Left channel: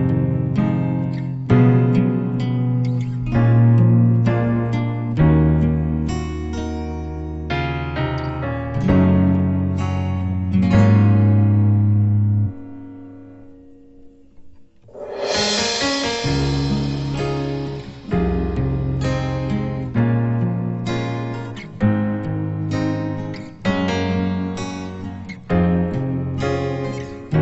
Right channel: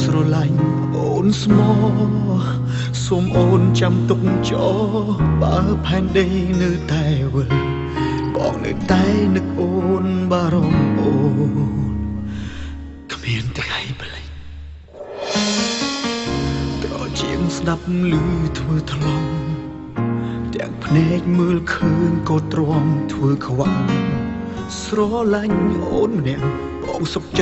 ស្រឡាញ់អូនស្មោសូមអូនចាំទុកចោបើផែនដីនៅតែវិលបងនៅតែនឹកអូនបារម្ភអូនគ្មានថ្ងៃប្លែកត្រជាងស្ដាប់ឮធ្វើថ្លង់ទាំងភ្នែកមើលឃើញក៏ទ្រាំធ្វើខ្វាក់ស្រឡាញ់អូនម្នាក់បងសុខចិត្ត